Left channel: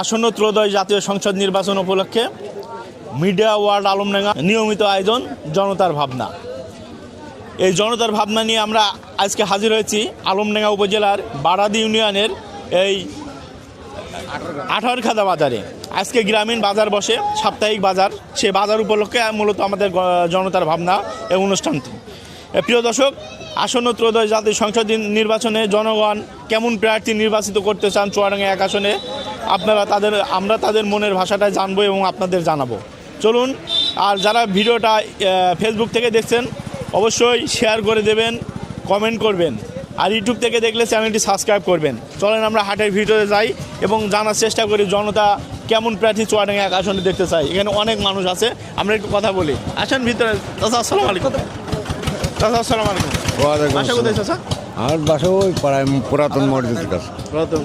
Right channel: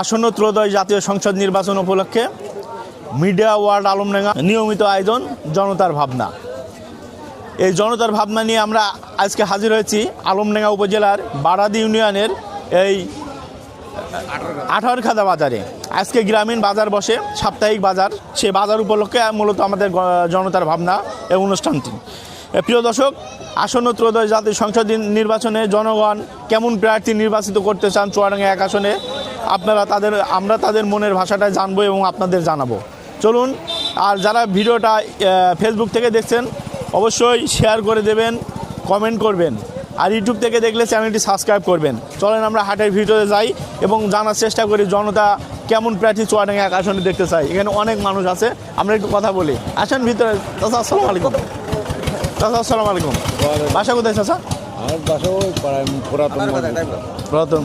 আসন্ন ত্রয়োদশ জাতীয় সংসদ নির্বাচন উপলক্ষে মিডিয়া ওয়ার্ল্ড আলমডাঙ্গা নিয়মিত আয়োজন জনতার ভাবনা। এই জনতার ভাবনা নিয়ে আমরা আজকে হাজির হয়েছি আলমডাঙ্গা উপজেলার বারাদি ইউনিয়নের এই আঠারখাদা বাজারে। আজকে গ্রামীণ বাজার বসে, সাপ্তাহিক বাজার। সে বাজার উপলক্ষে মূলত আমাদের জনতার ভাবনা এই অনুষ্ঠানটি। প্রিয় দর্শক, আসন্ন ত্রয়োদশ জাতীয় সংসদ নির্বাচনে জনগণ কেমন প্রার্থী নির্বাচিত করতে চান চুয়াডাঙ্গা এক আসনে, আপনারা তাদের, আমরা তাদের মনের ভাষাটা জানব এবং আপনাদের জানাব। চলুন, আর যারা ভিডিওটা ফেসবুক থেকে দেখছেন, অবশ্যই শেয়ার করে দেবেন কমেন্ট করবেন। আর ইউটিউব থেকে দেখলে চ্যানেলটি সাবস্ক্রাইব করবেন। চলেন আমরা হাটের ভিডিওতে যাই এবং জানার চেষ্টা করি জনতা কেমন প্রার্থী চুয়াডাঙ্গা এক আসনে দেখতে চাই এখানে অনেক মানুষ আছে, আমরা একটু কথা বলি। আসেন ভিতরে আসসালামু আলাইকুম। চাচা আসসালামু আলাইকুম। বাসা কোথায় চাচা? আর বাসা ওই পাড়ায় পুরাতন মসজিদ প্রথম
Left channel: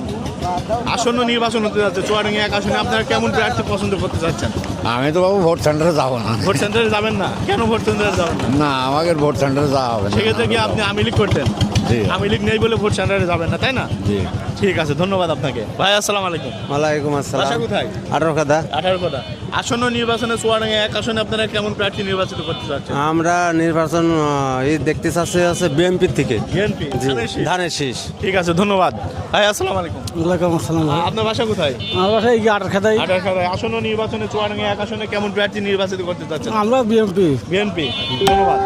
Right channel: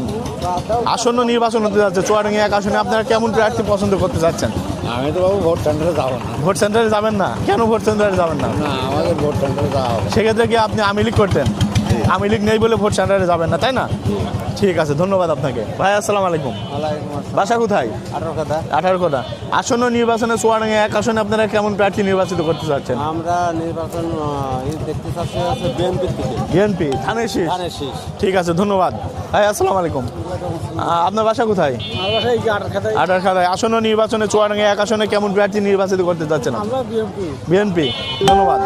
আসন্ন নির্বাচন হতে যাচ্ছে চুয়াডাঙ্গা এক আসনে। আপনারা কেমন প্রার্থী পছন্দ করতে যাচ্ছেন? আমি তো বাবু ভোট সেন্টারে যাব না। ভোট সেন্টারে যাবেন না? কেন ভোট সেন্টারে যাবেন না? আমাকে ভোট সেন্টারে যাওয়া হবে। সেক্ষেত্রে কি আপনি আমি করতেন। আমি লীগ নেই বলে ভোট সেন্টারে যাবেন না তাই না? ঠিক আছে ধন্যবাদ আপনাকে। ভাই আসসালাম আলাইকুম। ওয়ালাইকুম বাসা আসসালাম কোথায়? আঠারো কথা আঠারো কথা আসন্ন নির্বাচনে চুয়াডাঙ্গা এক আসনে আপনারা কেমন প্রার্থী নির্বাচিত করতে চাচ্ছেন? আমরা নির্বাচন এই দেখতে চাচ্ছি আছে বিএনপির থেকে। বিএনপি ধানের শীষ। ঠিক আছে ধন্যবাদ। ভাই আসসালাম আলাইকুম। ওয়ালাইকুম আসসালাম। আপনার বাসা কোথায়? আমার বাসায় কি আটার খাতায় আঠারো খানায় আসন্ন নির্বাচনে চুয়াডাঙ্গা এক আসনে কেমন প্রার্থী নির্বাচিত করতে চাচ্ছেন? আমরা বিএমপি বিএনপি ধন্যবাদ।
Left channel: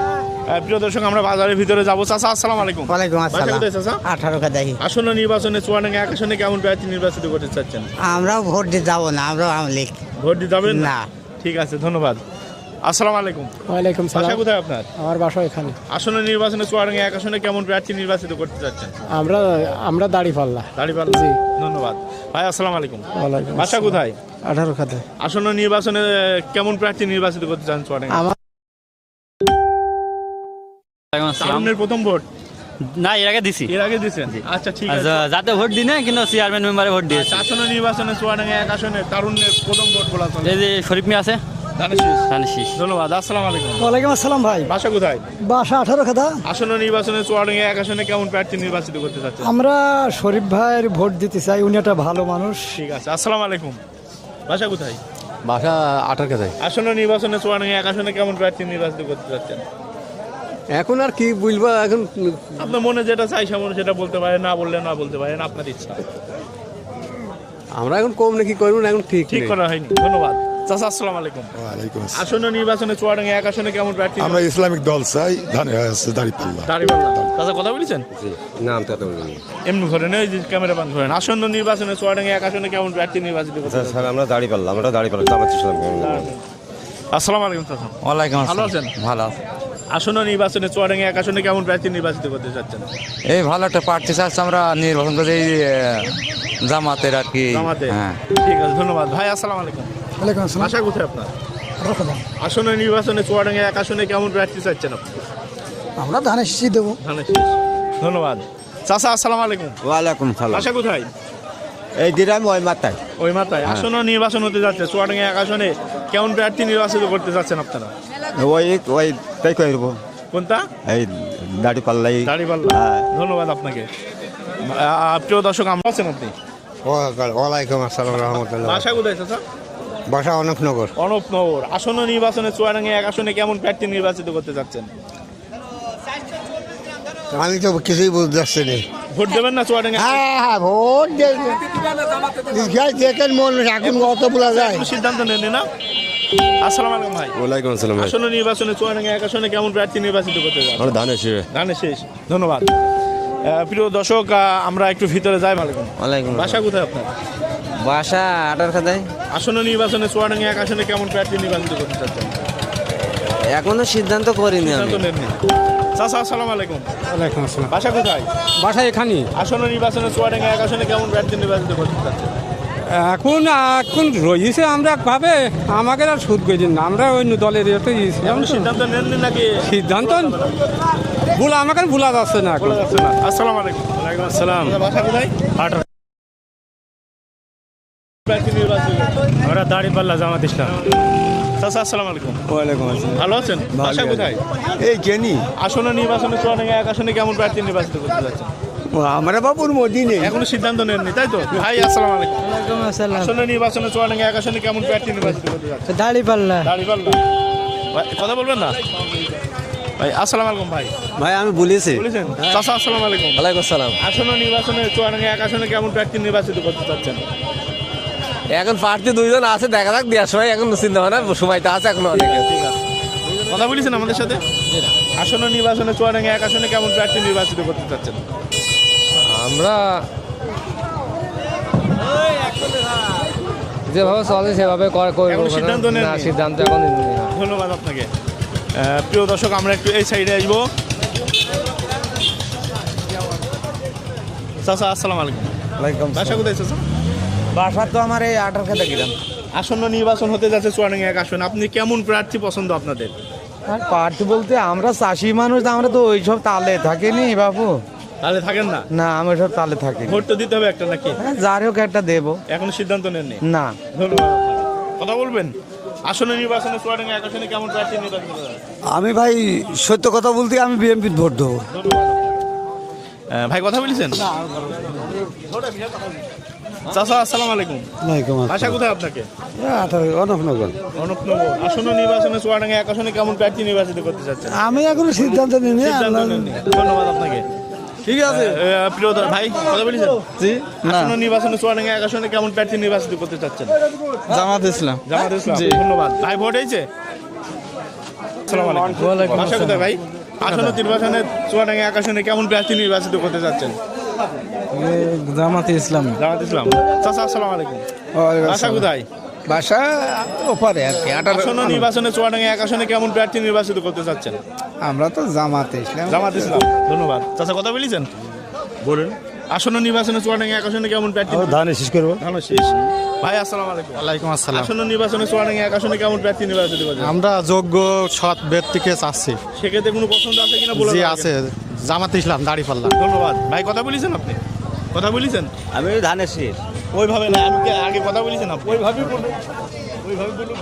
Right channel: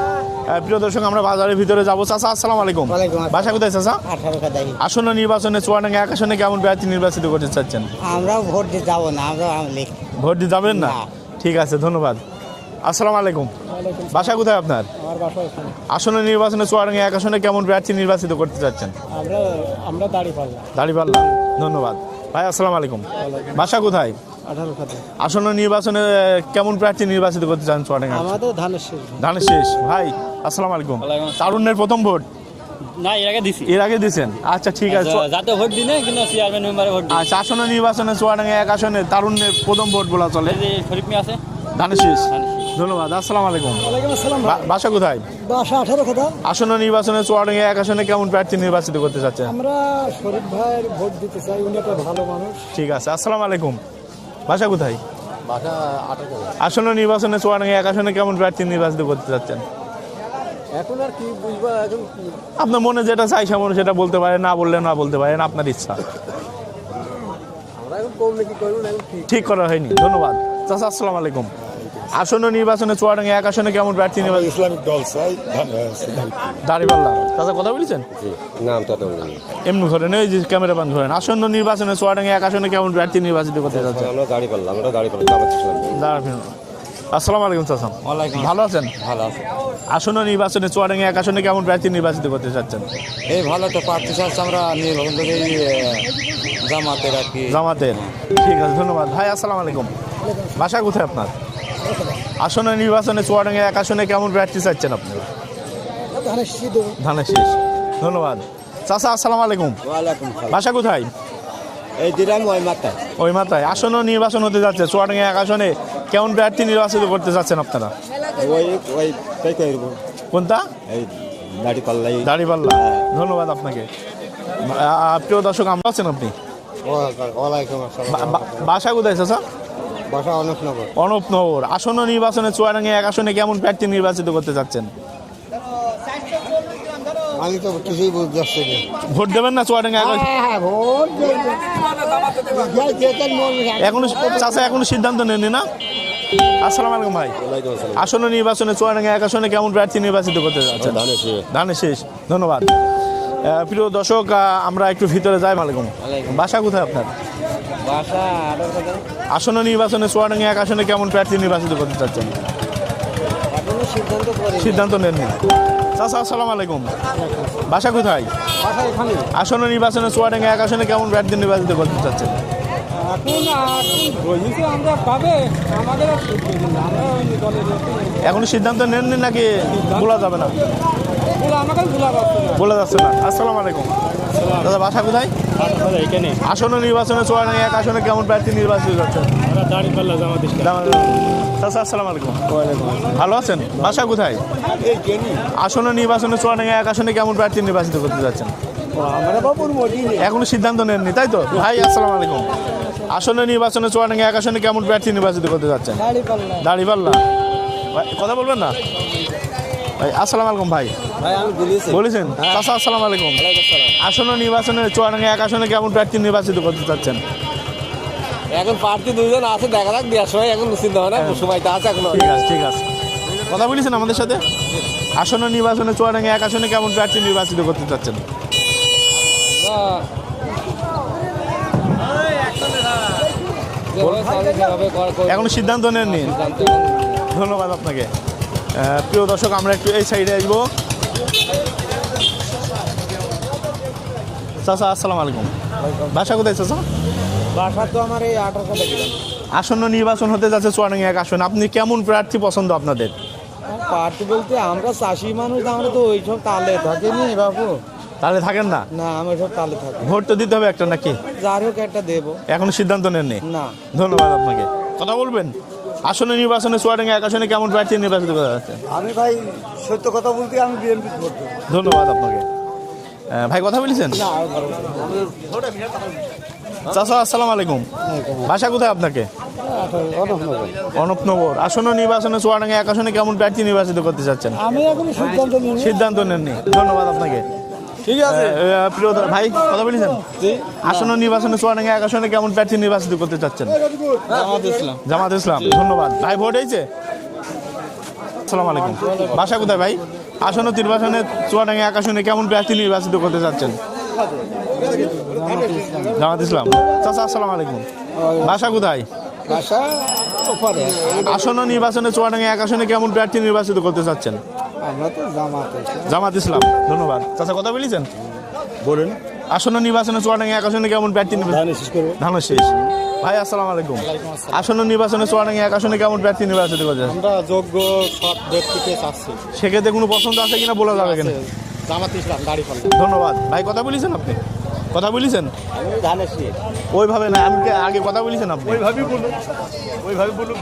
প্রিয় দর্শক আমরা বাজারের ভিতরে যাব। চাচা আসসালামু আলাইকুম। ওয়ালাইকুম আসসালাম। বাসা কোথায় চাচা? আঠারো খাতায় আসন্ন নির্বাচনে চুয়াডাঙ্গা এক আসনে কেমন প্রার্থী নির্বাচিত করতে চাচ্ছেন? আমরাও ভোট দিতে যাব না আমরা আওয়ামী ভোট দিতে যাবেন না। ঠিক আছে ধন্যবাদ। আসসালামু আলাইকুম। ওয়ালাইকুম বাসা কোথায় আপনার? আমার বাসা এখানে। আসন্ন নির্বাচনে চুয়াডাঙ্গা এক আসনে কেমন প্রার্থী নির্বাচিত করতে চাচ্ছেন? আমরা আমরা দাড়ি পাল্লা দাঁড়িপান ধন্যবাদ। ভাই আসসালামু আলাইকুম। বাসা কোথায়? আঠারো খাতায় আসন্ন নির্বাচনে কেমন প্রার্থী নির্বাচিত করতে চান চুয়াডাঙ্গা? আমাদের ধানের শেষ। ধানের শেষ। ভাই আসসালামু আলাইকুম। তারুণ্যের প্রথম ভোট? না এর আগে দিছি। এর আগে দিয়েছেন? আচ্ছা ঠিক আছে। আচ্ছা, যাতে ভোট দিনে কিন্তু চেয়ারম্যান মেম্বারে ভোট দিয়েছে। আচ্ছা আসন্ন নির্বাচনে চুয়াডাঙ্গা এক আসনে তারুণ্যের প্রথম ভোটগুলা চলে। এই যে শরীফ মিয়া আছে। ধানের শেষ। ধানের শীষ। ধন্যবাদ আসসালামু আলাইকুম। ওয়ালাইকুম আসসালাম ভাই। বাসা কোথায়? বাসা আঠারো খাতা। আসন্ন নির্বাচনে চুয়াডাঙ্গা এক আসনে কেমন প্রার্থী নির্বাচিত করতে চাচ্ছেন? আমরা শরীফ ভাইয়ের ভোট দিতে চাই উনি একটা ভালো মানুষ। ঠিক আছে আসসালামু আলাইকুম। বাসা কোথায়? বাসা আটার কথায় আসন্ন নির্বাচনে চুয়াডাঙ্গা এক আসনে কেমন প্রার্থী নির্বাচিত করতে চাচ্ছেন? এখন আর কি বুঝব এখন আপনার মনে যেটা চাই সেমন সেটা বলতে পারেন না বললে না বলতে পারেন আপনার ইচ্ছা। আমরা এখন কম নাকি করব না এখন ঠিক ঠিক করা হয়নি ধন্যবাদ। চাচা আসসালামু আলাইকুম। আসন্ন নির্বাচনে চুয়াডাঙ্গা এক আসনে কেমন প্রার্থী আমরা ইসলামিক দল চাই দাঁড়িয়ে আছে দাঁড়িয়ে দাঁড়িয়ে বললাম চাচা কথা বলেছেন? নাম তো এমনি ধরেন এই ক্যামেরা পান ধরেন আসন্ন নির্বাচনে চুয়াডাঙ্গা এক আসনে কেমন প্রার্থী নির্বাচিত করতে চাচ্ছেন? আমরা দাঁড়িয়ে পারলাম আমরা দাঁড়িয়ে পারলাম। আসসালামু আলাইকুম চাচা ওয়ালাইকুম ভালো আছেন? ভালো আসন্ন নির্বাচনে চুয়াডাঙ্গা এক আসনে কেমন প্রার্থী নির্বাচিত করতে চাচ্ছেন? এই ভালো একটা প্রার্থী চাচ্ছি আমরা নির্বাচন করি জামাতের আর কি। জামাতে হ্যাঁ। ঠিক আছে ধন্যবাদ। ভাই আসসালামু আলাইকুম। বাসা কোথায় আপনার? আসন্ন নির্বাচনে চুয়াডাঙ্গা এক আসনে কেমন প্রার্থী চাচ্ছেন আপনি? আমরা ধানের শীষ দেবো। ধানের শেষ। ধন্যবাদ। চাচা আসসালামু আলাইকুম। ওয়ালাইকুম সালাম। বাসা কোথায়? এই দিলাম ওই মাথায় ওই মাথায় আসন্ন নির্বাচন হতে যাচ্ছে। চুয়াডাঙ্গা এক আসনে কেমন প্রার্থী নির্বাচিত করতে চাচ্ছেন আপনারা? ওই ওই তাই করব কোনটা? এই দাড়ি পাল্লাই। দাঁড়িপাল্লা ধন্যবাদ আপনাকে। প্রিয় দর্শক আমরা আছেন আপনি? ওয়ালাইকুম আসসালাম। রহমতুল্লাহ বাসা কোথায় চাচা? বাসা অনকনগর অনুপনগর আসন্ন নির্বাচনে চুয়াডাঙ্গা এক আসনে কেমন প্রার্থী নির্বাচিত করতে চাচ্ছেন? আমি তো কিছুই বুঝতে পারছি না। ভোট দেবেন না চুয়াডাঙ্গা এখন চাচা এখনও সিদ্ধান্ত নেননি না? আসসালামু আলাইকুম ভাই। ওয়ালাইকুম আসসালাম আসন্ন নির্বাচনে চুয়াডাঙ্গা এক আসনে কেমন প্রার্থী নির্বাচিত করতে ধানের শেষ। ধানের শেষ। ধন্যবাদ। প্রিয় দর্শক আমরা একটু ভিতরে যাই। ওয়ালাইকুম। বাসা কোথায় আপনার? বাসা আটার খাতায়। আসন্ন নির্বাচনে চুয়াডাঙ্গা এক আসনে কেমন প্রার্থী নির্বাচিত করতে চাচ্ছেন? এখনও সিদ্ধান্ত করি সিদ্ধান্ত নেননি। চাচা আসসালামু আলাইকুম। বাসা কোথায়? বাসা এখানে। আসন্ন নির্বাচনে চুয়াডাঙ্গা এক আসনে কেমন প্রার্থী নির্বাচিত করতে চাচ্ছেন? এখন এখন রয়েছে আমরা পাবে। আমাকে আর সুদ গেছেন না। আমরা ওই দলের এখন সিদ্ধান্ত নেননি নাকি? সিদ্ধান্ত- ভুল আমাকে ভুলা যাচ্ছে না। বলা যাচ্ছে না। আসসালামু আলাইকুম। দাদা, বাসা কোথায়? এখানে। আসন্ন নির্বাচনে চুয়াডাঙ্গা এক আসনে কেমন প্রার্থী নির্বাচিত? করছেন আমরা জামাত ইসলাম। আসসালামু আলাইকুম। ভালো আছেন? বাসা কোথায়? এই জেনি। আসন্ন নির্বাচনে চুয়াডাঙ্গা এক আসনে কেমন প্রার্থী নির্বাচিত করতে যাচ্ছেন? আমরা বাবুর মদিনে। এখনও সিদ্ধান্ত নেননি তাই তো? ভাই আসসালামু আলাইকুম। আসলে নির্বাচনে চুয়াডাঙ্গা এক আসনে কেমন প্রার্থী নির্বাচিত করতে যাচ্ছে দাঁড়িপাল্লা কথা বলবেন না? ভাই আসসালামু আলাইকুম ভাই। ভাই আমি বলেছি। বলেছেন? চাচা আসসালামু আলাইকুম। ওয়ালাইকুম আসসালাম। আসন্ন নির্বাচনে চুয়াডাঙ্গা এক আসনে কেমন প্রার্থী নির্বাচিত করতে চাচ্ছেন? এখন প্রার্থী দুইজন আছে দেখা যাক দেওয়ার সময় এখন চিন্তা ভাবনা সময়টা আছে এখন ঠিক আছে কথা বলেছেন আমাদের সাথে? আসন্ন নির্বাচনে চুয়াডাঙ্গা এক আসনে কেমন প্রার্থী নির্বাচিত করতে চাচ্ছেন? আমরা যেভাবে চলে সেভাবে করে করে- সিদ্ধান্ত না, নেননি? সিদ্ধান্ত ধন্যবাদ আপনাকে। প্রিয় দর্শক আমরা একটু এই সাইডে আসব। চাচা আসসালাম আলাইকুম। বাসা কোথায় চাচা? বাসা তো আমার এই আটার খাতা গেলাম। আসন্ন নির্বাচন হতে যাচ্ছে চুয়াডাঙ্গা এক আসন। আপনি কেমন প্রার্থী পছন্দ আপনাদের? প্রার্থী বলতে আমরা চাষি মানুষ আমরা তো ওইসব তালে থাকিনি বাবু তালে থাকেন না? না আমি সব তালে থাকি। ভোট তো দিতে হবে একটা নাকি? যার হোক একটা দেবো। এখনও সিদ্ধান্ত নেননি? না। ধন্যবাদ আপনাকে। কথা বলবেন? আসন্ন নির্বাচনে চুয়াডাঙ্গা এক আসনে কেমন প্রার্থী নির্বাচিত করা যাচ্ছে? আমি ভাই সত্য কথা বলতে আমি বিএনপির ভোট দেবো। ধন্যবাদ আপনাকে। ভাই কথা বলেছেন? চাচা আসসালামু আলাইকুম। ভাষা কোথায় আপনাকে? অনুপনগর আসন্ন নির্বাচনে চুয়াডাঙ্গা এক আসনে কেমন প্রার্থী নির্বাচিত করতে চাচ্ছেন? আমি এখনও সিদ্ধান্ত নিইনি। সিদ্ধান্ত নেননি। ধন্যবাদ আপনাকে। ঠিক আছে। প্রিয় ভাই কথা বলেছেন আসন্ন নির্বাচনে চুয়াডাঙ্গা এক আসনে কেমন প্রার্থী নির্বাচিত করতে চাচ্ছেন? জামাত ইসলাম জামাত ইসলাম। ধন্যবাদ। ভাই ভোট হয়েছে? আসসালামু আলাইকুম। ভাষা কোথায় ভাই? আসন্ন নির্বাচনে চুয়াডাঙ্গা এক আসনে কেমন প্রার্থী নির্বাচিত করতে চাচ্ছেন? জামাত ইসলাম। জামাত ইসলাম। চাচা আসসালামু আলাইকুম। ভাষা কোথায়? ভাষা আসন্ন নির্বাচনে চুয়াডাঙ্গা এক আসনে কেমন প্রার্থী নির্বাচিত করতে চাচ্ছেন? আমরা তো জামাতে ইসলাম। জামাত ইসলাম। ধন্যবাদ। চাচা কথা বলেছেন? বলেন। আসন্ন নির্বাচনে চুয়াডাঙ্গা এক আসনে কেমন প্রার্থী ধান শেষ করব। ধান শেষ। ভাই আসসালামু আলাইকুম। ওয়ালাইকুম আসসালাম। আসন্ন নির্বাচনে চুয়াডাঙ্গা এক আসনে কেমন প্রার্থী নির্বাচিত করতে আমরা যোগ্য সৎ ব্যক্তিকে চাচ্ছি। সেক্ষেত্রে কোনো পছন্দ আছে কিনা বলে আছে। জামাত ইসলাম দাড়ি পাল্লা। ধন্যবাদ। ভাই কথা বলেছেন আপনি? কথা বলেছেন? আমি ধানের শীষ। ওইভাবে না আমি আগে কথা বলেছেন আপনি? ওইভাবে বলুন। ওইভাবে বলুন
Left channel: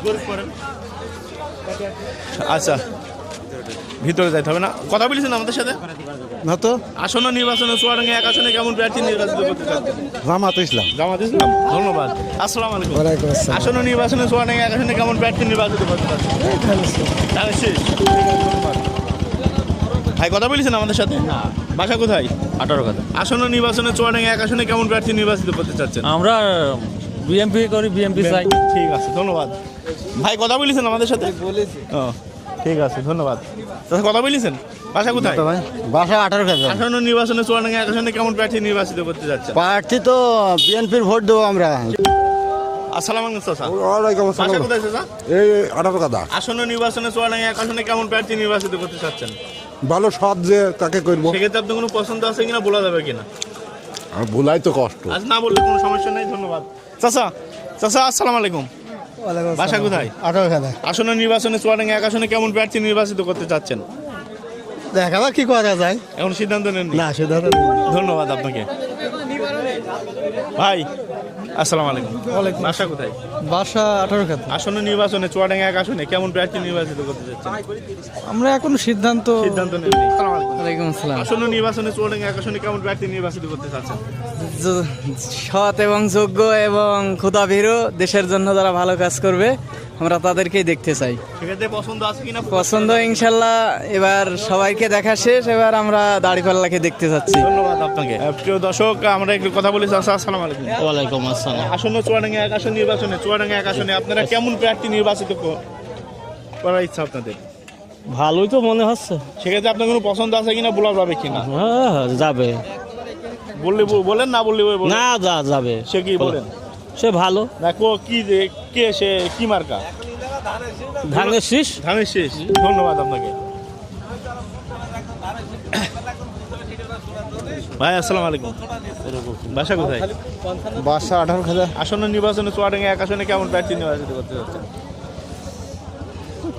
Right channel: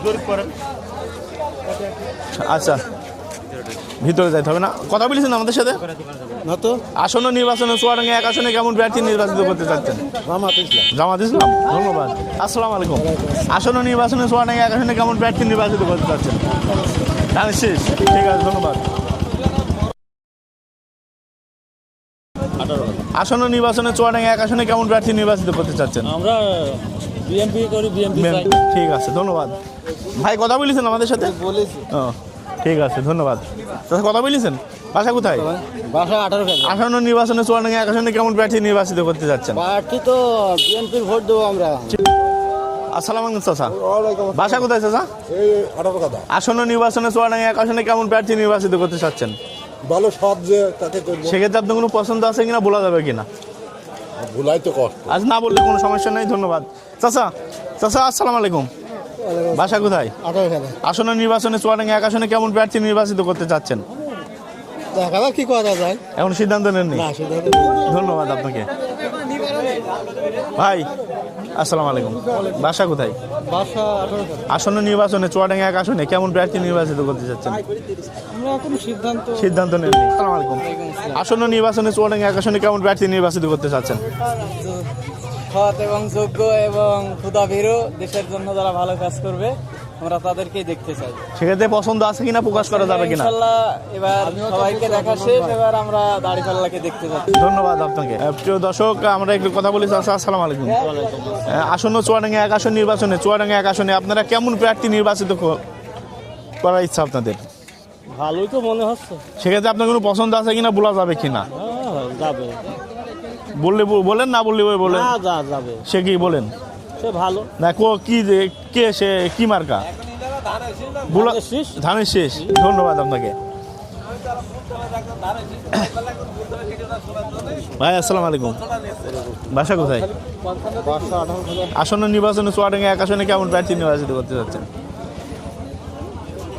আচ্ছা। ভিতরে যাইতে হবে না। কথা বলেছেন আমাদের সাথে? না তো। আসন্ন নির্বাচনে চুয়াডাঙ্গা এক আসনে কেমন প্রার্থী নির্বাচিত করতে চাচ্ছেন? জামাত ইসলাম। জামাত ইসলাম? ধন্যবাদ। আসসালামু আলাইকুম। আসন্ন নির্বাচনে চুয়াডাঙ্গা এক আসনে কেমন প্রার্থী নির্বাচিত করতে চাচ্ছেন? জানেন শেষ। ধন্যবাদ। ভাই কথা বলেছেন আমাদের সাথে? বাসা কোথায়? আঠারো আসন্ন নির্বাচনে চুয়াডাঙ্গা এক আসনে কেমন প্রার্থী নির্বাচিত করতে চাচ্ছেন? আমরা বিএমপি করি বিএমপি চাই। ঠিক আছে ধন্যবাদ। ভাই কথা বলেছেন আমাদের সাথে? ও। ঠিক আছে ধন্যবাদ। দাদা কথা বলেছেন? বাসা কোথায়? বাসা আঠারো আসন্ন নির্বাচনে চুয়াডাঙ্গা এক আসনে কেমন প্রার্থী নির্বাচিত করতে চাচ্ছেন প্রার্থী তো বিএনপির ভোট দেবো আমরা। আসসালাম আলাইকুম চাচা। বাসা কোথায় চাচা? আঠারো কথা আসন্ন নির্বাচনে চুয়াডাঙ্গা এক আসনে কেমন প্রার্থী নির্বাচিত করতে চাচ্ছেন ভালো সব যে তাকে করব। সেক্ষেত্রে আপনার কোনো পছন্দ আছে কিনা বলা যাবে কিনা? আর ভুলাই তো কষ্ট। আজ না বললে কোনো সমস্যা নেই ধন্যবাদ। চাচা চাচা আসসালামু আলাইকুম। বাসা কোথায়? আঠারো খাতা আসন্ন নির্বাচনে চুয়াডাঙ্গা এক আসনে কেমন প্রার্থী নির্বাচিত করতে চাচ্ছেন? দেখাবার কি করা যায়? এখন সিদ্ধান্ত নেননি? না সিদ্ধান্ত ধন্যবাদ আপনাকে। ভাই আসসালামু আলাইকুম। বাসা কোথায়? বাসা আঠারোঘাট আসন্ন নির্বাচনে চুয়াডাঙ্গা এক আসনে কেমন প্রার্থী নির্বাচিত করতে চাচ্ছেন আমরা এখন সিদ্ধান্ত সিদ্ধান্ত নেই আসসালামু আলাইকুম। আসন্ন নির্বাচনে চুয়াডাঙ্গা এক আসনে কেমন প্রার্থী নির্বাচিত করতে চাচ্ছেন সৎ এবং যোগ্য এবং ক্ষুদা ভীরু দেশের জন্য যারা ভালো কাজ করবে আমরা তাদেরকেই দেখতে চাই। সেক্ষেত্রে পছন্দ আছে কিনা পছন্দ ইনশাল্লাহ এবার সবাইকে দেখা শেষ এবার আমরা দাড়িপাল্লাকে দেখতে চাচ্ছি ধন্যবাদ আপনাকে। প্রিয় দর্শক আমরা একটু কথা বলি আসসালামু আলাইকুম। ওয়ালাইকুম আসসালাম। আসন্ন চুয়াডাঙ্গা এক আসন নির্বাচনে চুয়াডাঙ্গা এক আসনে আপনারা কেমন প্রার্থী নির্বাচিত করার ইচ্ছা আপনাদের? ভালোই তো মনে হচ্ছে। সেক্ষেত্রে আপনার কোনো পছন্দ আছে কিনা বলা যাবে কিনা? হ্যাঁ যাবে। বললে বলেন না বললে বলেন। না যা যাবে। সে কি বলেন? সে ভালো। দেখো কো কি যে- কে সে কি মার্কা? ধানের শেষ? ধানের শেষ। ধন্যবাদ আপনাকে। ভাই আসসালামু আলাইকুম। বাসা কোথায়? বাসা আঠারো হাজার। আসন্ন নির্বাচনে চুয়াডাঙ্গা এক আসনে কেমন প্রার্থী নির্বাচিত করতে যাচ্ছেন?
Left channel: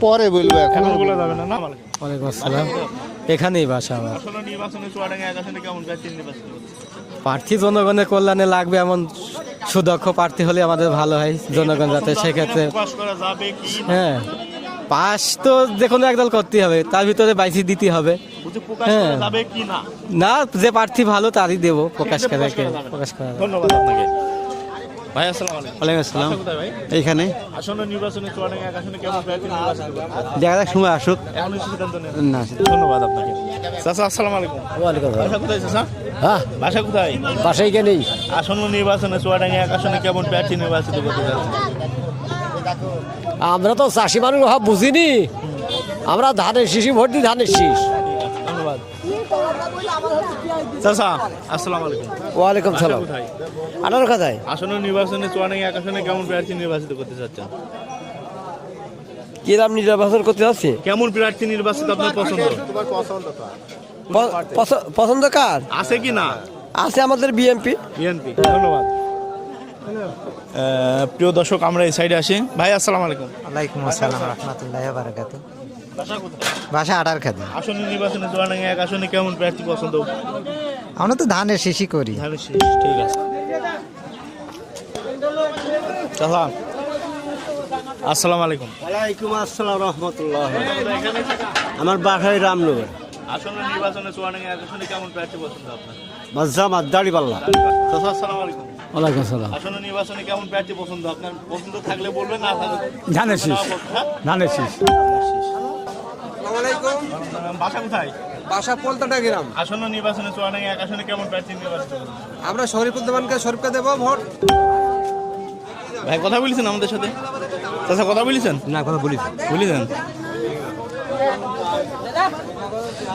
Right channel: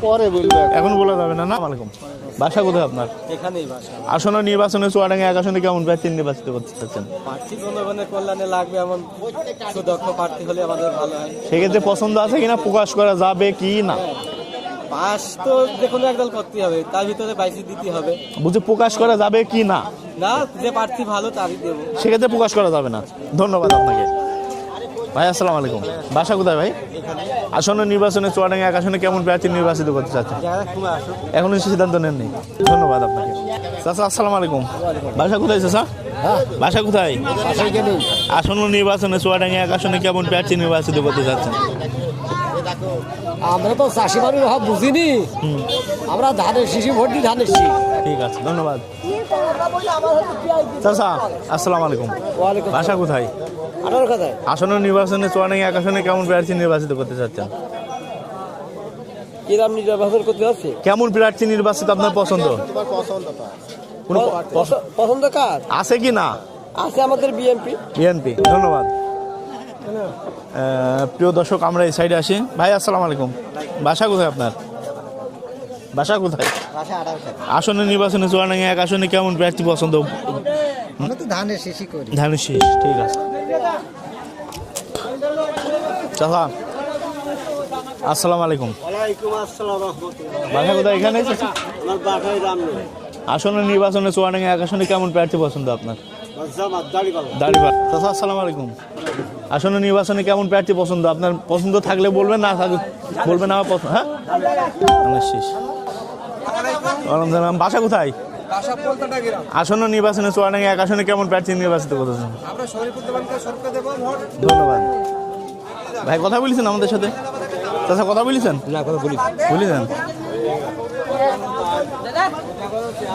পরে বলব এখন। বলা যাবে না আলাইকুম বাসা কোথায় আপনার? এখানেই বাসা আসন্ন নির্বাচনে চুয়াডাঙ্গা এক আসনে কেমন প্রার্থী নির্বাচিত করতে চাচ্ছেন? প্রার্থী জনগণের কল্যাণে লাগবে এমন সুদক্ষ প্রার্থী হলে আমাদের ভালো হয় সেক্ষেত্রে প্রকাশ করা যাবে কি না? হ্যাঁ। পাস তো যে কোনো একদল করতেই হবে তার ভিতরে বাইসি দিতে হবে। বুঝে প্রকাশ করা যাবে কি না? না যে প্রার্থী ভালো তারই দেবো সেক্ষেত্রে প্রকাশ করা যাবে। না। ধন্যবাদ আপনাকে। ভাই আসসালামু আলাইকুম। বাসা কোথায় ভাই? এইখানে। আসন্ন নির্বাচনে চুয়াডাঙ্গা এক আসনে কেমন প্রার্থী নির্বাচিত করতে চাচ্ছেন? দেখা যাক সময় আসুক। এখনও সিদ্ধান্ত নেন না। ধন্যবাদ আপনাকে। চাচা আসসালামু আলাইকুম। বাসা কোথায় চাচা? হ্যাঁ। বাসা কোথায়? পাশেই গেলি আসন্ন নির্বাচনে চুয়াডাঙ্গা এক আসনে কেমন প্রার্থী নির্বাচিত করতে চাচ্ছেন? আমরা তো চাষি মানুষ ভাব বুঝিনি আমরা ধানের শিশি ভোট দিই ধানের শীষ। ঠিক আছে ধন্যবাদ চাচা আসসালামু আলাইকুম। ওয়ালাইকুম বাসা কোথায়? আঠারো খাতায়। আসন্ন নির্বাচনে চুয়াডাঙ্গা এক আসনে কেমন প্রার্থী নির্বাচিত করতে চাচ্ছেন? কি নির্বাচন করতে যাচ্ছে? কেমন প্রার্থী নির্বাচিত আপনার পছন্দ? পছন্দ কার? আছে কি না? আছে আমাদের বিএনপি বিএনপি ধন্যবাদ। আহ, প্রিয় দর্শক আমরা এই সাইডে আসি। ভাই আসসালামু আলাইকুম। বাসা কোথায় আপনার? বাসা কোথায়? ভাষা আঠার খাতা। আসন্ন নির্বাচনে চুয়াডাঙ্গা এক আসনে কেমন প্রার্থী পছন্দ? আমরা তো ধানের শিশি করি। ধানের শীষ ঠিক আছে। চাচা আসসালামু আলাইকুম। ওয়ালাইকুম আসসালাম রহমতুল্লাহ। এখানে? আমার বাসায় রামনগর। আসন্ন নির্বাচনে চুয়াডাঙ্গা এক আসনে কেমন প্রার্থী পছন্দ আপনার? জামাত আসসালামু আলাইকুম। ওয়ালাইকুম আসসালাম। আসন্ন নির্বাচনে কেমন প্রার্থী পছন্দ? আপনার পছন্দ থাকলে বলবেন না থাকলে বলবেন না পছন্দ। হ্যাঁ? ধানের শেষ। ধানের। বাসা কোথায়? বাসা পলতাটা গেলাম আসন্ন নির্বাচনে চুয়াডাঙ্গা এক আসনে কেমন প্রার্থী নির্বাচিত করতেছেন? আমরা শরীফুদ্দমানকে শরীফকে দেবো ভোট। ভাই কথা বলেছেন আমাদের সাথে? চাচা কথা বলেছেন? না কথা বলি বলেছেন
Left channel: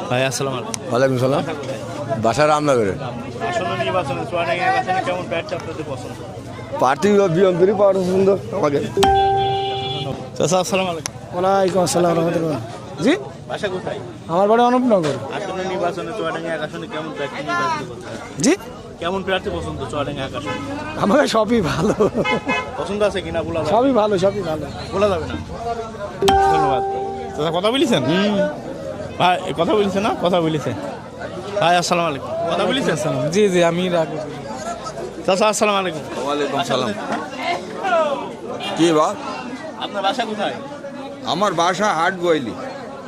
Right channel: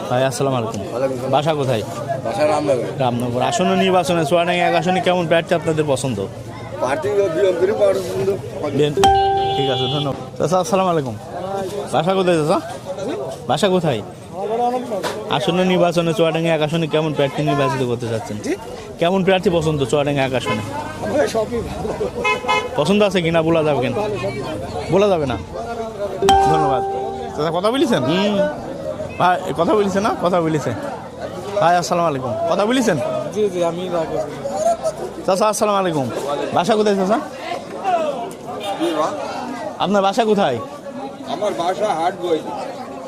ভাই আসসালামু আলাইকুম। ওয়ালাইকুম সালাম। বাসা কোথায়? বাসা রামনগরে। রামনগর। আসন্ন নির্বাচনে চুয়াডাঙ্গা এক আসনে কেমন প্রার্থী আপনাদের পছন্দ? পার্টি বিএমপির পাওয়ার সুন্দর ঠিক আছে ধন্যবাদ। আসসালামু আলাইকুম। ওয়ালাইকুম বাসা কোথায় জি? বাসা কোথায়? আমার বাড়ি অনুপনগর আসন্ন নির্বাচনে চুয়াডাঙ্গা এক আসনে কেমন প্রার্থী নির্বাচিত করতে চাচ্ছেন জি? কেমন প্রার্থী পছন্দ চুয়াডাঙ্গা আসনে আমার সবই ভালো। পছন্দ আছে কিনা বলা যাবে? সবই ভালো সবই ভালো। বলা যাবে না। ধন্যবাদ। দাদা কথা বলেছেন? ভাই কথা বলেছে না? কথা বলেছে। ভাই আসসালামু আলাইকুম। কথা বলেছেন? জি জি আমি চাচা আসসালামু আলাইকুম। বাসা কোথায় চাচা? কি বা? আপনার বাসা কোথায়? আমার বাসা আট বইলি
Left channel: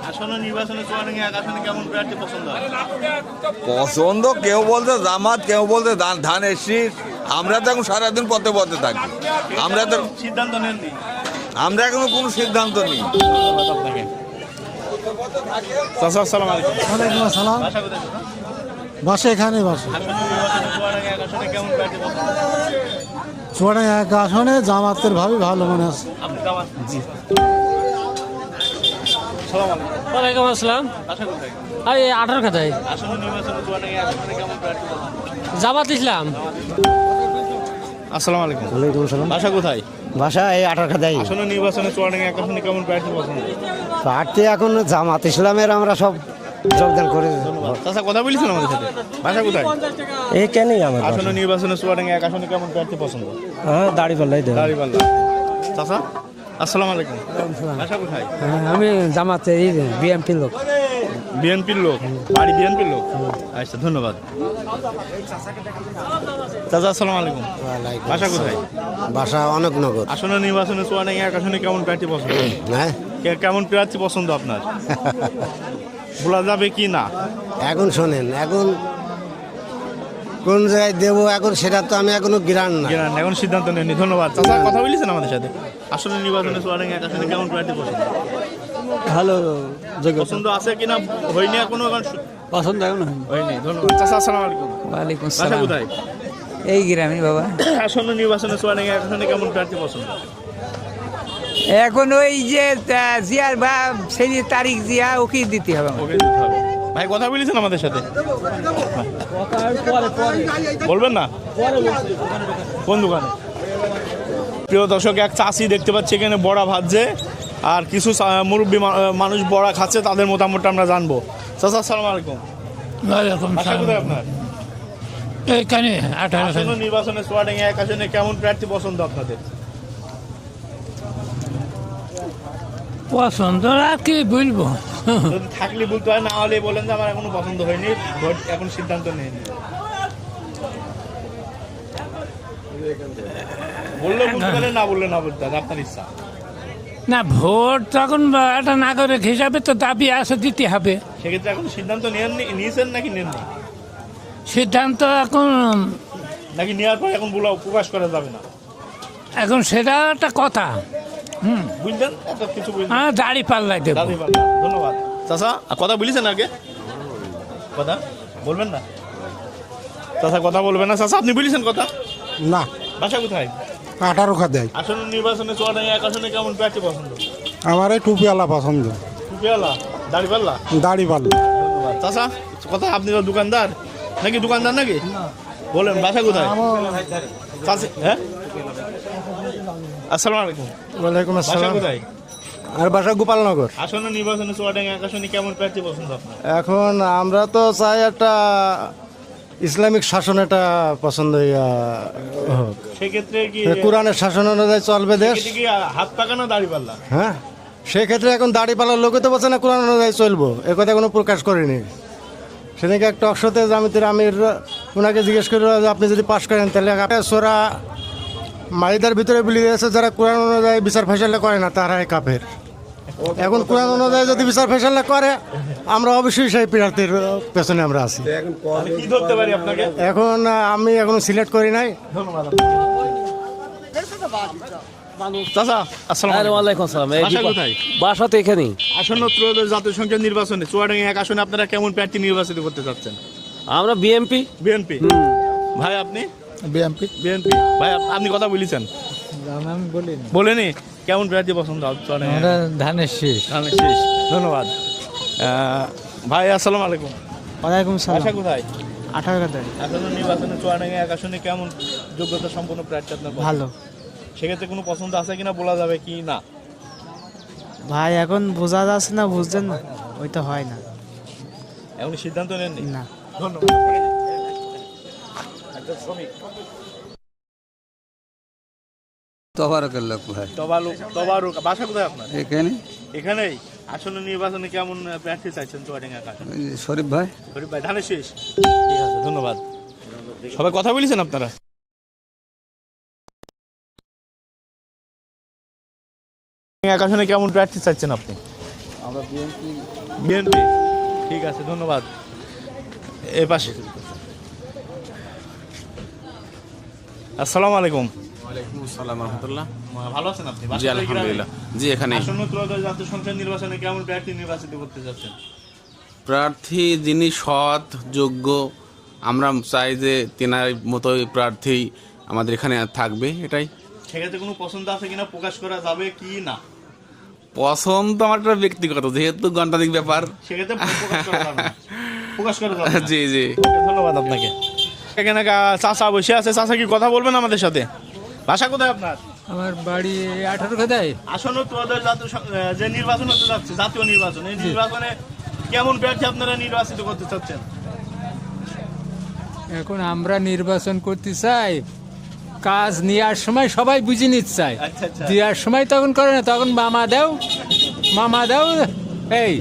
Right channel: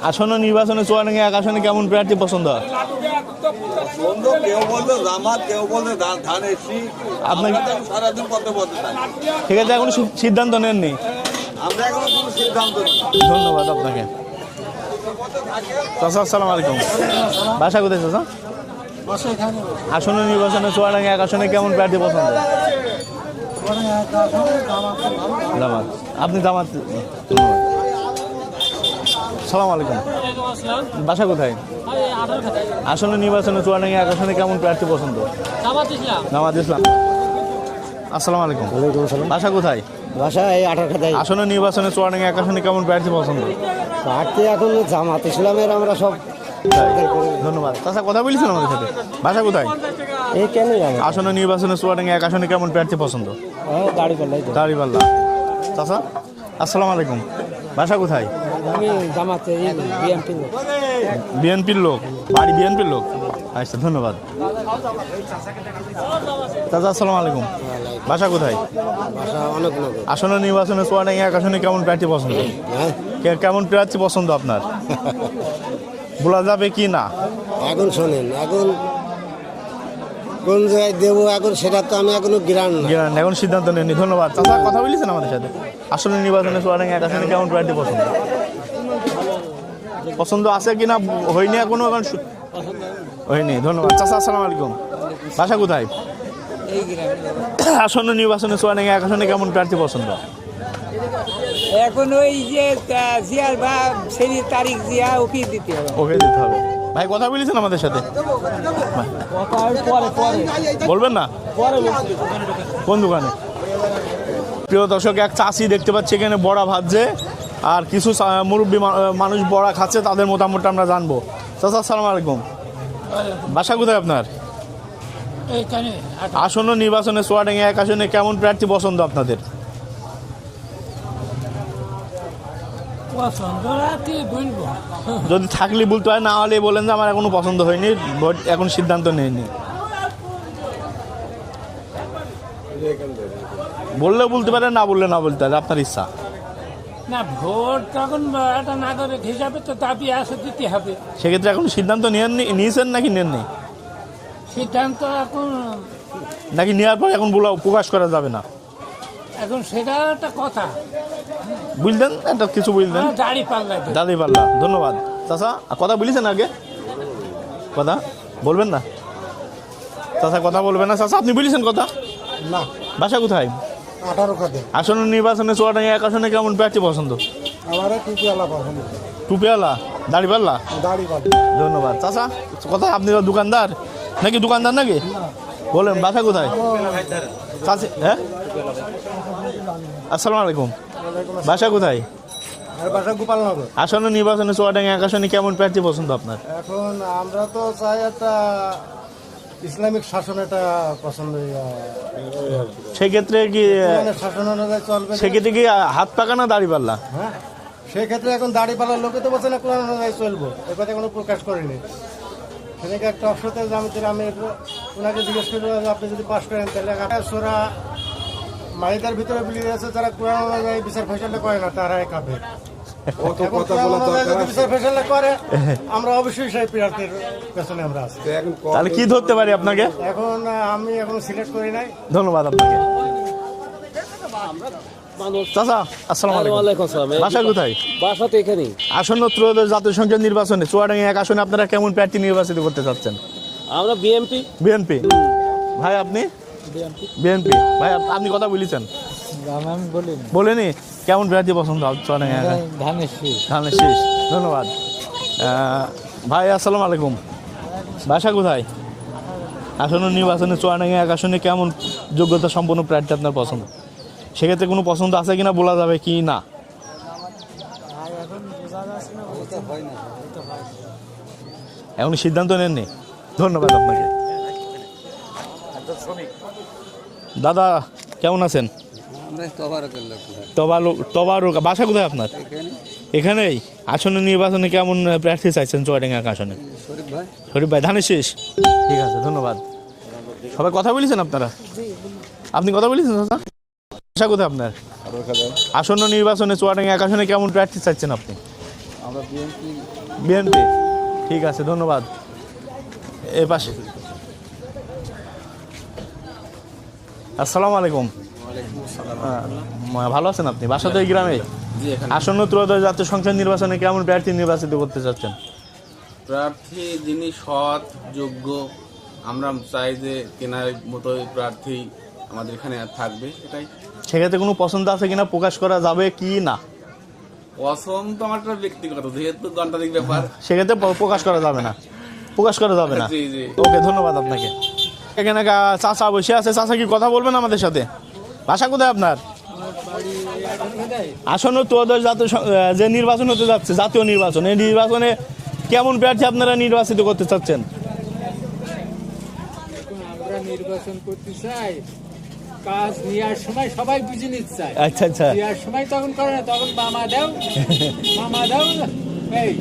আসন্ন নির্বাচনে চুয়াডাঙ্গা এক আসনে কেমন প্রার্থী পছন্দ? হয় পছন্দ কেউ বলতে জামাত কেউ বলতে ধান- শীষ আমরা তো এখন সারাদিন পথে পথে থাকি। ঠিক আছে এখন সিদ্ধান্ত নেননি? আমরা এখনও কোনো সিদ্ধান্ত নেই। ধন্যবাদ আপনাকে। চাচা আসসালামু আলাইকুম। বাসা কোথায় চাচা? বাসা এখানে বাসা। আসন্ন নির্বাচনে চুয়াডাঙ্গা এক আসনে কেমন প্রার্থী পছন্দ? ছোট এক আসনে জামাতের ভালো ভালো মনে আছে আপনি জামাত। সালাম আলাইকুম। ওয়ালাইকুম আসসালাম। বাসা কোথায়? আরে আঠারো খাতায়। আসন্ন নির্বাচনে চুয়াডাঙ্গা কেমন প্রার্থী পছন্দ? জামাত ইসলাম। জামাত ইসলাম। আসসালামু আলাইকুম। বাসা কোথায়? বাসা এই আঠার খাতায়। আসন্ন নির্বাচনে চুয়াডাঙ্গা এক কেমন প্রার্থী পছন্দ? এখন জামাত ইসলামের আমরা সব ধন্যবাদ। চাচা কথা বলেছেন আমাদের সাথে? বাসা কোথায়? এইখানেই আমরা। আসন্ন নির্বাচনে চুয়াডাঙ্গা এক আসনে কেমন প্রার্থী পছন্দ? হ্যাঁ দাড়ি পাল্লাই দাঁড়িপাল্লা চাচা? আসসালামু আলাইকুম। বাসা কোথায়? আমি জামাতে বিএনপির লোক। বিএনপির লোক? বাড়ি বিএনপির লোক? আচ্ছা ধন্যবাদ। চাচা আসসালামু আলাইকুম। বাসা কোথায়? বাসা অনেক নগর আসন্ন নির্বাচনে চুয়াডাঙ্গা এক আসনে কেমন প্রার্থী পছন্দ? হ্যাঁ। কেমন প্রার্থী পছন্দ আপনার? বলা যাবে কি না? এখন শোনেন এখন কোন জায়গায় দেবো এখন সেটা তো আমি এখনও জ্ঞান না এখন সিদ্ধান্ত নেননি ধন্যবাদ। চাচা কথা বলেছেন আমাদের সাথে? আসন্ন নির্বাচনে চুয়াডাঙ্গা এক আসনে কেমন প্রার্থী পছন্দ? ভালো পছন্দ আছে কিনা? হয়নি এখনও এখন পছন্দ এখন হয়নি। ধন্যবাদ। চাচা আসসালামু আলাইকুম। বাসা কোথায়? এই গ্রামে বাবা। আসন্ন নির্বাচনে চুয়াডাঙ্গা এক আসনে কেমন প্রার্থী পছন্দ? এখন ওই যে জিয়ার বা সেই তারিখ জিয়া ওকে দিতে হবে। ওকে দিতে হবে। ভাই কথা বলেছেন আমাদের সাথে? বলবেন না? কোন দোকানে? প্রিয় দর্শক এক চাষি দেখতে পাচ্ছি এখানে বড়া ভাজছে আর কিছু মুরব্বী মানুষ বড়া খাচ্ছে তাদের মতামতটা আমরা জানব। চাচা আসসালামু আলাইকুম। বাসা কোথায় আপনার? আসন্ন নির্বাচনে সোয়াডাঙ্গা এক আসনে কেমন প্রার্থী পছন্দ আপনাদের? পছন্দ আর কি বলব? যদি থাকলে বলতে হয় না হলে বলেন যে আমার এখনও পছন্দ হয়নি এখন সিদ্ধান্ত নেয়নি বললে বলতে পারেন না বললে না বলতে আপনার ইচ্ছা। না ভোট তখন একটা নাগরিক হিসাবে তো দাবি আছে দিতে হবে। সেক্ষেত্রে এখন সিদ্ধান্ত নিয়েছেন নাকি নেননি সিদ্ধান্ত এখন নাকি নেওয়ার পর এখন বলা- প্রকাশ করা যাবে না? এখন সেটা একটা কথা। বুঝলেন? একটা কিছু বুঝলেন। হ্যাঁ দাড়ি পাল্লাই দেব। দাদি পাল্লা ধন্যবাদ। চাচা আর কথা বলেছেন আগে? কথা? বলবেন না? চাচা কথা বলবেন না। চাচা আপনি বলেছেন কথা? না। বাসা কোথায়? আঠারো দেয় আসন্ন নির্বাচনে চুয়াডাঙ্গা এক আসনে কেমন প্রার্থী পছন্দ? আমার এই টুপিওয়ালা পছন্দ। টুপিওয়ালা? দাড়ি পাল্লা? দাড়ি পাল্লা। ধন্যবাদ। চাচা কথা আপনি তো দোকানদার? নাকি দোকানদার নাকি? বলেন বাসা কোথায়? হ্যাঁ? আসসালামু আলাইকুম। ওয়ালাইকুম বাসা কোথায়? আর বাসা গোপালনগর। আসন্ন নির্বাচনে চুয়াডাঙ্গা এক কেমন প্রার্থী পছন্দ আপনার? এখন আমরা তো চাই একটা ইসলামিক শাসন এটা পছন্দ সেক্ষেত্রে কি কোরআনের শাসন অনুযায়ী চলবে সেক্ষেত্রে কি হাত পাকা না দাড়ি পাল্লা? হ্যাঁ সেক্ষেত্রে এখন দাড়ি পালার লোকে তো বলছে না কোরআন অনুযায়ী চলবো। এ কথা কোনো প্রকাশ করেনি। সেদিকে একটা অক্ষতে জামিতির আমির ওনাকে জিজ্ঞেস করে যে আপনি যদি পাশ করেন তাহলে সোরা মাইদার ভিতরে বলে দিয়েছে যারা কোরআন অনুযায়ী বিচার ফেসালা করে না তারাই কাফের। এখন কোরআন অনুযায়ী যদি বিচার ফেসালা করে আমরা অবশ্যই সেই প্রার্থীর পেছনে আমরা আছি। তাহলে কি ধরতে পারি আপনাকে? এখন আমি এখনও সিলেক্ট করি নাই। ধন্যবাদ আপনাকে। চাচা আসসালামু আলাইকুম। আসসালাম বাসা কোথায়? বাসা তো এখানেই। আসন্ন ত্রয়োদশ জাতীয় সংসদ নির্বাচনে চুয়াডাঙ্গা এক আসনে আপনারা কেমন প্রার্থী নির্বাচিত করতে চাচ্ছেন? আমরা বিএমপি বিএনপি ভাই আপনি? বিএমপি বিএনপি ভাই আপনি কথা বলেছেন। বলেনি। কেমন প্রার্থী পছন্দ? ধানের শীষ। ধন্যবাদ। ভাই আসসালামু আলাইকুম। ওয়ালাইকুম বাসা কোথায়? আঠারো আসন্ন নির্বাচনে চুয়াডাঙ্গা এক আসনে কেমন যোগ্যতা সম্পন্ন প্রার্থী আপনার পছন্দ? সেক্ষেত্রে কোনো পছন্দ আছে কিনা বলা যাবে কি না? ভাই এখন বোঝা যাচ্ছে না বুঝছেন? না ওইটা হয় না। এখন সিদ্ধান্ত নেননি? ধন্যবাদ আপনাকে। দাদা কেমন আছেন? তবালু বাসা কোথায় আপনার? এখানেই? আসন্ন নির্বাচনে কেমন প্রার্থী চাইছেন চুয়াডাঙ্গা আসনে? শরীফ ভাই। শরীফ ভাই ধানের শেষ? ঠিক আছে। ধন্যবাদ। সবাই কথা বলেছেন আপনারা? আপনি কথা বলেছেন দাদা বাসা কোথায় আপনার? আসন্ন নির্বাচনে চুয়াডাঙ্গা এক আসনে কেমন প্রার্থী চাইছেন আপনি? আমরা বিএনপি বিএনপি ঠিক আছে ধন্যবাদ। এ পাশে। আসসালামু আলাইকুম। ভালো আছেন আপনি? বাসা তো গ্রামে। জি এখানে আসন্ন ত্রয়োদশ জাতীয় সংসদ নির্বাচনে কেমন প্রার্থী নির্বাচিত করতে চাচ্ছেন? প্রার্থী যিনি সৎ যোগ্য আমরা চাই যে তেনার মতোই প্রার্থী আমাদের এখানে থাকবে এটাই। সেক্ষেত্রে কোনো পছন্দ আছে কিনা প্রকাশ করা যাবে কি না? পছন্দ তো আমার একটা ব্যক্তিগত যেহেতু ঘন্টাধিক ব্যাপার। সেক্ষেত্রে প্রকাশ করা যাবে না। প্রকাশ করা যাবে না। জি জি। ওকে ধন্যবাদ আপনাকে। এখানে চাচা বসে আছে। চাচা কি কথা বলবেন আমাদের সাথে? ভাষা কোথায় আপনার? আমার বাড়ি আসন্ন ত্রয়োদশ জাতীয় যে নির্বাচন হতে যাচ্ছে জাতীয় নির্বাচন এই নির্বাচনে কেমন প্রার্থী আপনারা নির্বাচিত করতে চাচ্ছেন? এখন আমরা নির্বাচন করতে চাই কাজ নেওয়ার সময় সবাই বুঝে নিতে চাই আচ্ছা আচ্ছা। দেওয়ার সময় তখন করে না তখন মামা দাও মামা দাও এই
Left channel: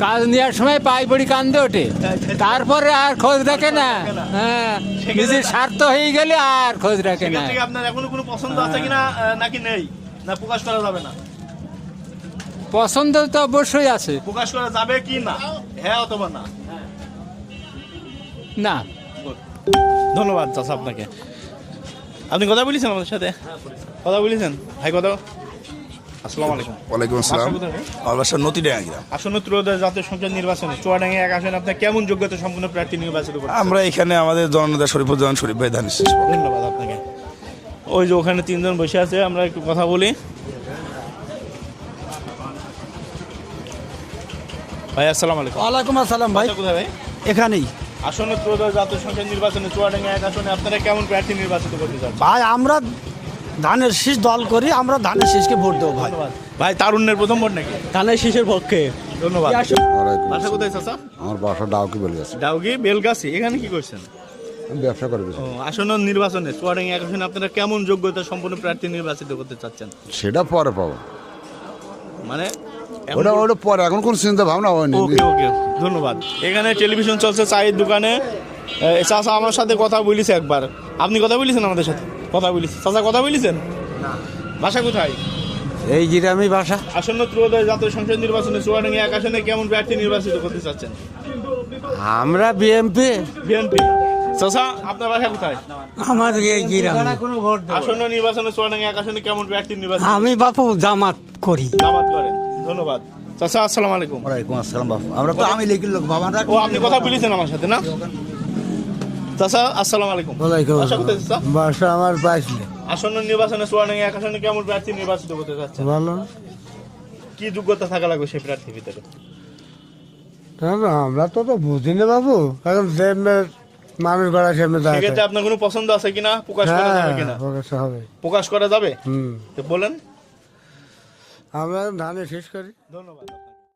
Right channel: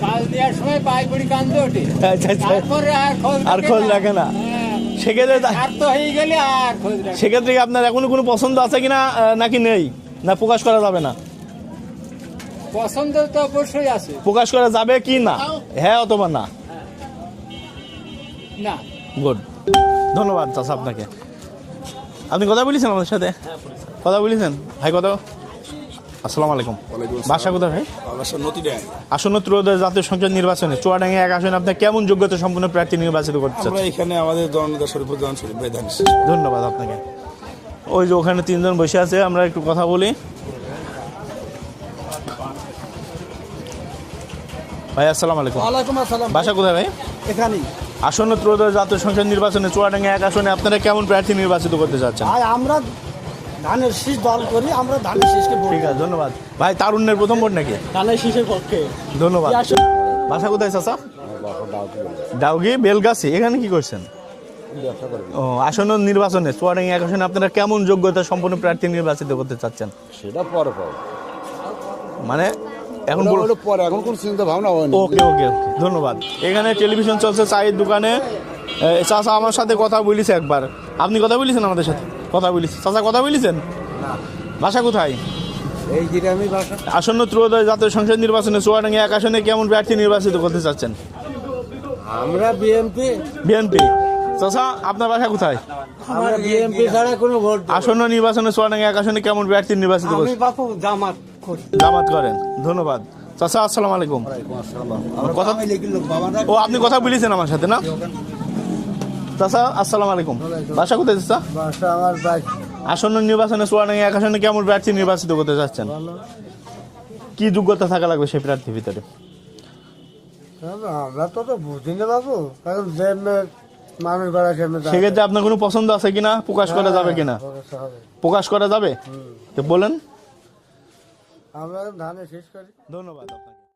কাজ নেওয়ার সময় পড়ি কান্দে ওঠে। আচ্ছা, আচ্ছা। তারপরে আর খোঁজ রাখে না। হ্যাঁ সেক্ষেত্রে- স্বার্থ হয়ে গেলে আর খোঁজ রাখে সেক্ষেত্রে আপনার এখনও কোনো পছন্দ আছে কিনা নাকি নেই? না প্রকাশ করা যাবে না? পছন্দ তো অবশ্যই আছে। প্রকাশ করা যাবে কি না? হ্যাঁ অথবা না? না। গুড ধন্যবাদ চাচা আপনাকে। আপনি কথা বলেছেন আমাদের সাথে? কথা বলেছেন? ভাই কথা আসসালামু আলাইকুম। ওয়ালাইকুম বাসা আসসালাম। কোথায় ভাই? বাসা নদীডাঙ্গা। আসন্ন ত্রয়োদশ জাতীয় সংসদ নির্বাচনে চুয়াডাঙ্গা এক আসনে আপনার কেমন যোগ্যতা সম্পন্ন প্রার্থী নির্বাচিত আমরা এখানে আমাদের জননেতা শরীফুজ্জামান শরীফ ভাই ধানের ধন্যবাদ আপনাকে। ওই যে ওখানে তিনজন বসে আছে আমরা একটু কথা বলি। ভাই আসসালামু আলাইকুম। ওয়ালাইকুম আসসালাম বাসা কোথায় ভাই? এখানেই। আসন্ন ত্রয়োদশ জাতীয় সংসদ নির্বাচনে চুয়াডাঙ্গা এক আসনে আপনারা কেমন প্রার্থী নির্বাচিত করতে চাচ্ছেন? ভাই আমরা ধানের শীষ দল করি আমরা ধানের শীষকে ভোট দেবো। ধন্যবাদ। ভাই তারুণ্যের প্রথম ভোট নাকি? ধানের শীষের পক্ষে। ধন্যবাদ। বাসা কোথায় চাচা আমার বাসা ডাউকে বলে আছে। ডাউগি বেলগাছি। এখানে কি করছেন? ব্যবসা করব ও আসন্ন নির্বাচনে চুয়াডাঙ্গা এক আসনে আপনারা কেমন যোগ্যতা সম্পন্ন প্রার্থী নির্বাচিত করতে চাচ্ছেন? সেটা পরে পাবো। মানে এখন হলো পরে এখন কোন চিন্তা ভাবনা হয়নি। ওকে ওকে ধন্যবাদ। এখানে টেলিভিশন চলছে চায়ের দোকানে। চাচা আমার সাথে কথা বলিছে একবার। আপনি কথা বলেছেন আমাদের সাথে? কথা বলিস চাচা কথা বলেছেন? বাসা কোথায়? এই গ্রামে বাসা। আসন্ন ত্রয়োদশ জাতীয় সংসদ নির্বাচনে চুয়াডাঙ্গা এক আসনে কেমন প্রার্থী নির্বাচিত করতে চাচ্ছেন? আমরা বিএমপি বিএনপি চাচা আপনার বাসা কোথায়? আমার বিএমপি কোনো ভোট আসন্ন নির্বাচনে চুয়াডাঙ্গা এক আসনে কেমন প্রার্থী নির্বাচিত আমি বাপু জামাত করি। জামাত করেন। ধন্যবাদ। চাচা আসসালামু আলাইকুম। ও আপনি কথা বলেছেন আমার সাথে না? চাচা আসসালামু আলাইকুম। বাসা কোথায় চাচা? বাসা আমার বাইশ আসন্ন নির্বাচনে চুয়াডাঙ্গা এক আসনে কেমন প্রার্থী নির্বাচিত করতে চাচ্ছেন? ভালো। কি যোগ্যতা থাকা লাগবে সেই প্রার্থীর ভিতরে? আমরা তো তো বুঝি না বাবু। কারণ মানুষ গড়া সামনে সেক্ষেত্রে আপনার কোনো পছন্দ আছে কিনা? প্রকাশ করা যাবে কিনা? হবে। প্রকাশ করা যাবে? হুম। তো বলেন। আমরা ধানে শেষ করি। ধন্যবাদ।